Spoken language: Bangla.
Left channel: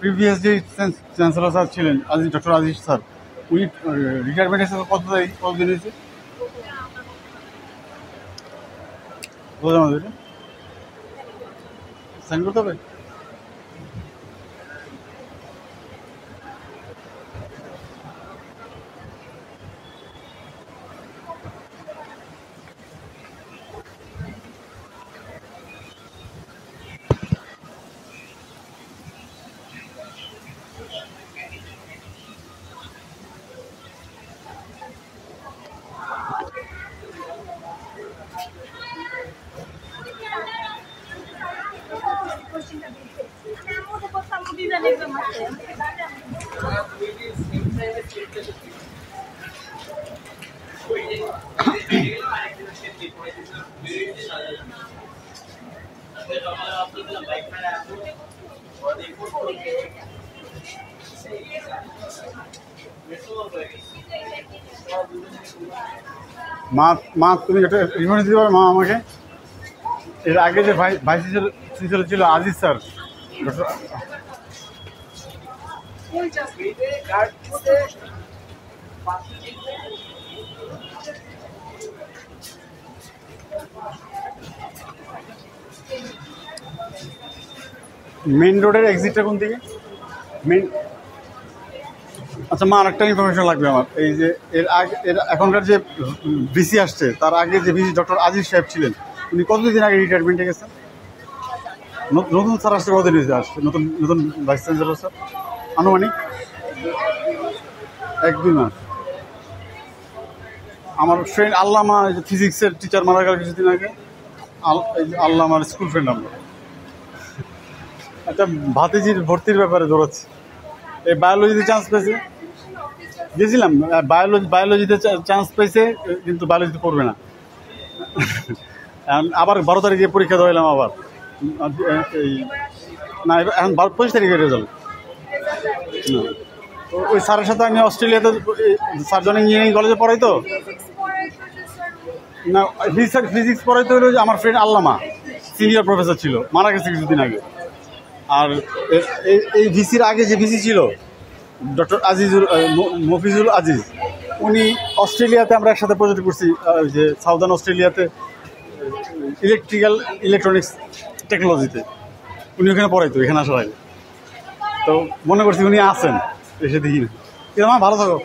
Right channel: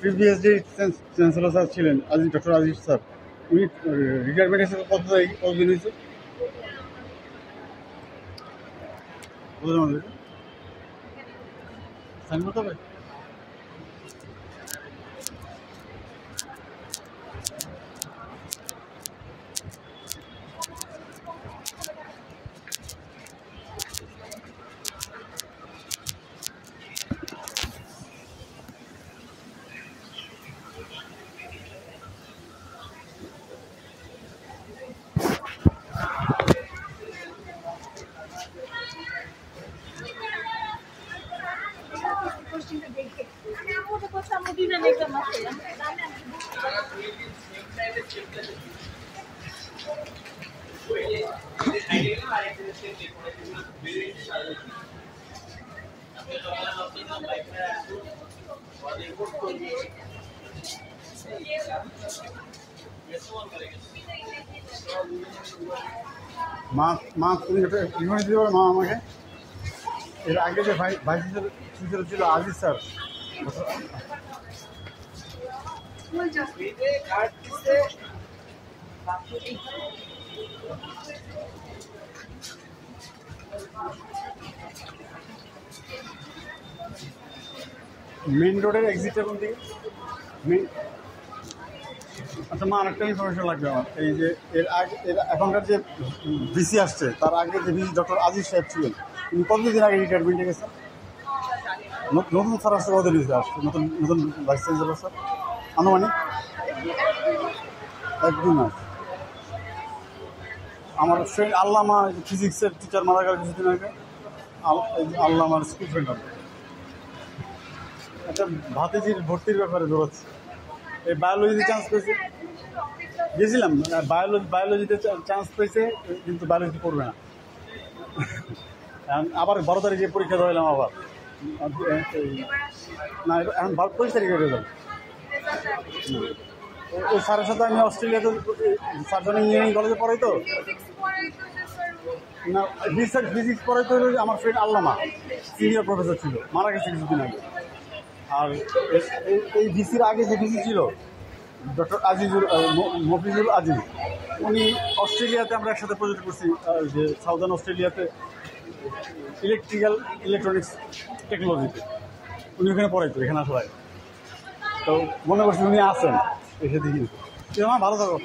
প্রিভিয়াস যে চ্যান্সেলর স্যার ছিলেন আজিজ, ডক্টর আজিজ স্যার, উনি রিটায়ারমেন্ট এসে কতদিন হয়েছে বোঝা আমাদের সাইন করতে হবে। মা তুমি একটা রিমাইন্ড দিতে পারো মা আমাকে? এর আগে যে ভাইস চ্যান্সেলর ছিল আজিজ স্যার, মেইন রোডের এক্সিটটা কোন দিকে? মেইন, আচ্ছা মা আরেকটা ইনফরমেশন লাগবে আমার। এই যে এখনকার যে ভিসি আসছে, তার আগে যে ভিসি ডক্টর আজিজ সাহেব ছিলেন, উনি কতদিন আগে রিটায়ারমেন্টে গেছেন? নতুন স্যার আসছে কতদিন হয়েছে আসছে? নতুন ভাইস চ্যান্সেলর স্যার আনুমানিক 1-2 মাস। আমার ফ্রেন্ড আল্লামা ফিজিক্সের টিচার মারা গেল কিছুদিন আগে, আল্লামার স্কুল ফ্রেন্ড আমরা। একটা ভাতিজির ভর্তির ব্যাপারে দৌড়াচ্ছি। এই বায়োলজিতে চান্স পেয়েছে, গেছিলাম বায়োলজিতে চান্স পেয়েছে, কিন্তু বায়োলজিতে পড়বে না। আবার 12 তারিখে পরীক্ষা দিলাম আবার। এই না, এখন 25 তারিখের রেজাল্ট। না, ওই স্যারের সাথে আমি অস্ট্রেলিয়াতে সার্জন ইঞ্জিনিয়ারিং কলেজে পড়াই তো না, ফিজিক্স পড়াইতে হলো। আমার ফ্রেন্ড আল্লামা সিনিয়র প্রফেসর ছিল, মারা গেছে কিছুদিন আগে। আর এই ভিসির আগে যে ভিসি ছিল ডক্টর মফিজুল আজিজ, উনি অস্ট্রেলিয়াতে আমরা একসাথে প্রজেক্ট করছি, যে সাউদার্ন অস্ট্রেলিয়াতে ইলেকট্রনিক্স টেকনোলজিতে। উনি ওখানে পড়াইতো এখানে আসার আগে। তো মনে করছি উনি আছেন, এসে দেখি না। আমার ভালো থাকো।